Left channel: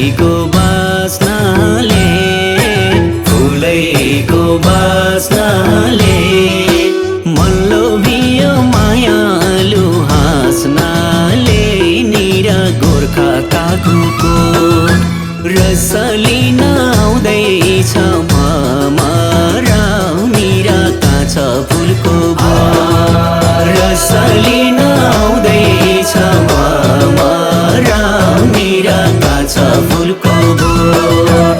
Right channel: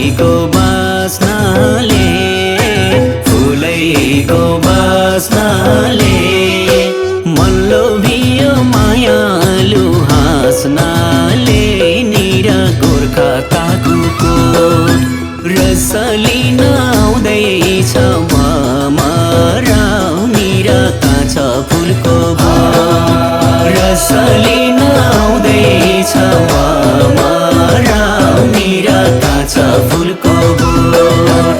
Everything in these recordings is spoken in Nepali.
फुलैको बास्नाले फुलैको बास्नाले मन लोभियो मायालु हाँस्नाले निरा गोर्खा ताकुको रसलिन आउँदैछ ममराउ निरा काँच फुलको बोट रसलिन आउँदैछ ममराउ निरा काँच फुलको बोट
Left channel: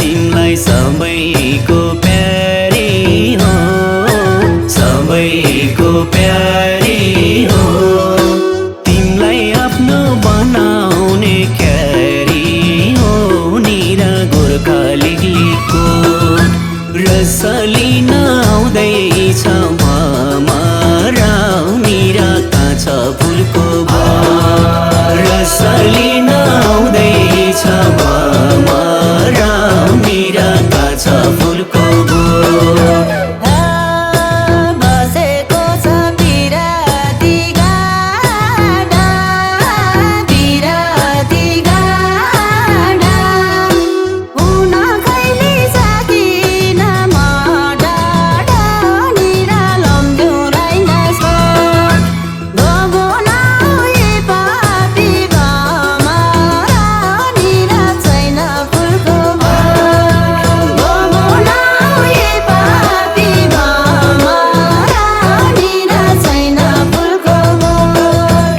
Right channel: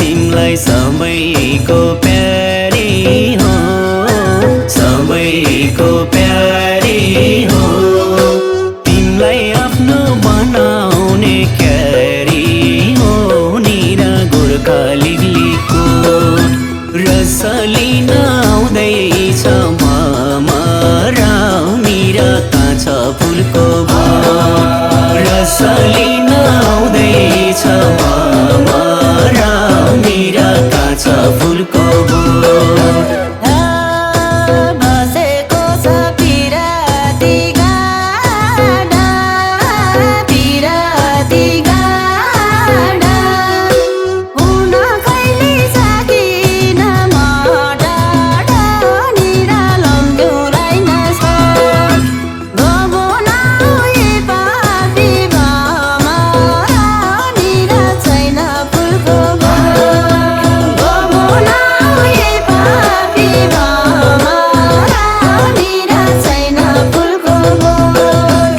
तिमलाई सबैको प्यारी हो सबैको प्यारी हो तिमलाई आफ्नो बनाउने क्यारी हो निरा गोर्खा लिगलीको रसलिन आउँदैछ ममराउ निरा काँच फुलको बोट रसलिन आउँदैछ ममराउ निरा काँच फुलको बोट बसेको छ पिराती गाडा हुन खैली सकिन म डाडा निरा लम्ब्यौ राइनस गबो नहुई पापी भमरा निरा छैन फुलको बोट गबो नहुई पापी भमरा निरा छैन फुलको बोट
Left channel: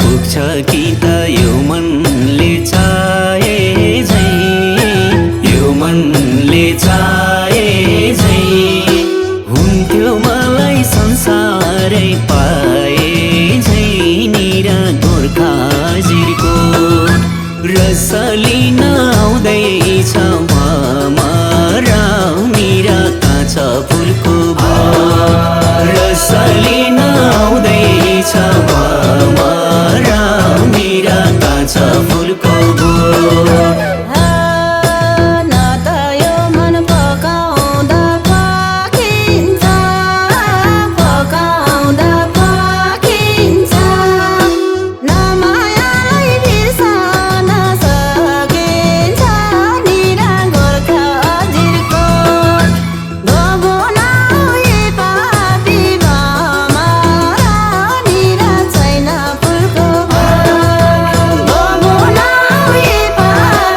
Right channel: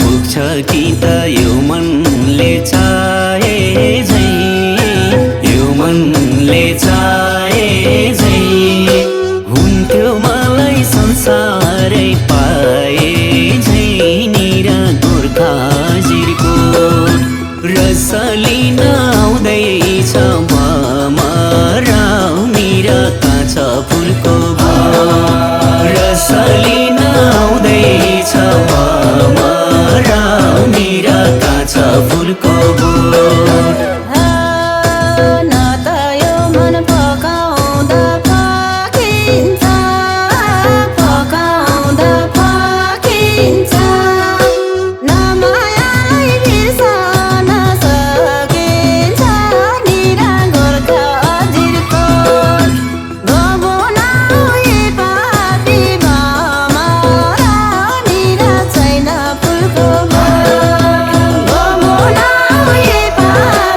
पुग्छ कि त यो मनले चाहे झै यो मनले चाहे झै हुन्थ्यो मलाई संसारै पाए झै निरा गोर्खा जिरकोट रसलिन आउँदैछ ममराउ निरा काँच फुलको बोट रसलिन आउँदैछ ममराउ निरा काँच फुलको बोट न त यो मन पकाउँदा पाकिन्छ न मायालाई बिर्सन सकिन्छ निरा गोर्खा जिरकोट गबो नहुई पापी भमरा निरा छैन फुलको बोट गबो नहुई पापी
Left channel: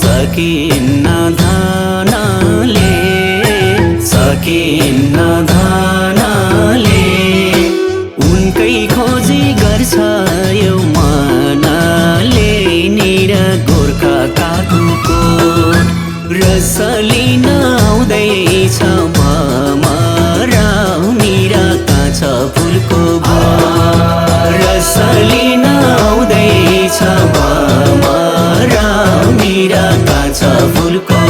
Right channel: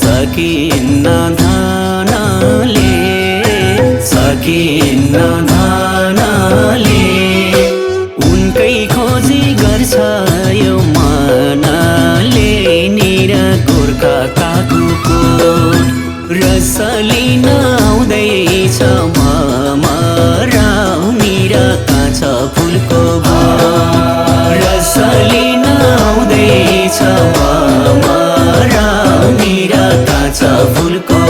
सकिन्न धनले सकिन्न धनले उनकै खोजी गर्छ यो मनले निर गोर्खा काकुको रसली नआउँदैछ मराउनी र काँच फुलको बोट रसली नआउँदैछ मराउनी र काँच फुलको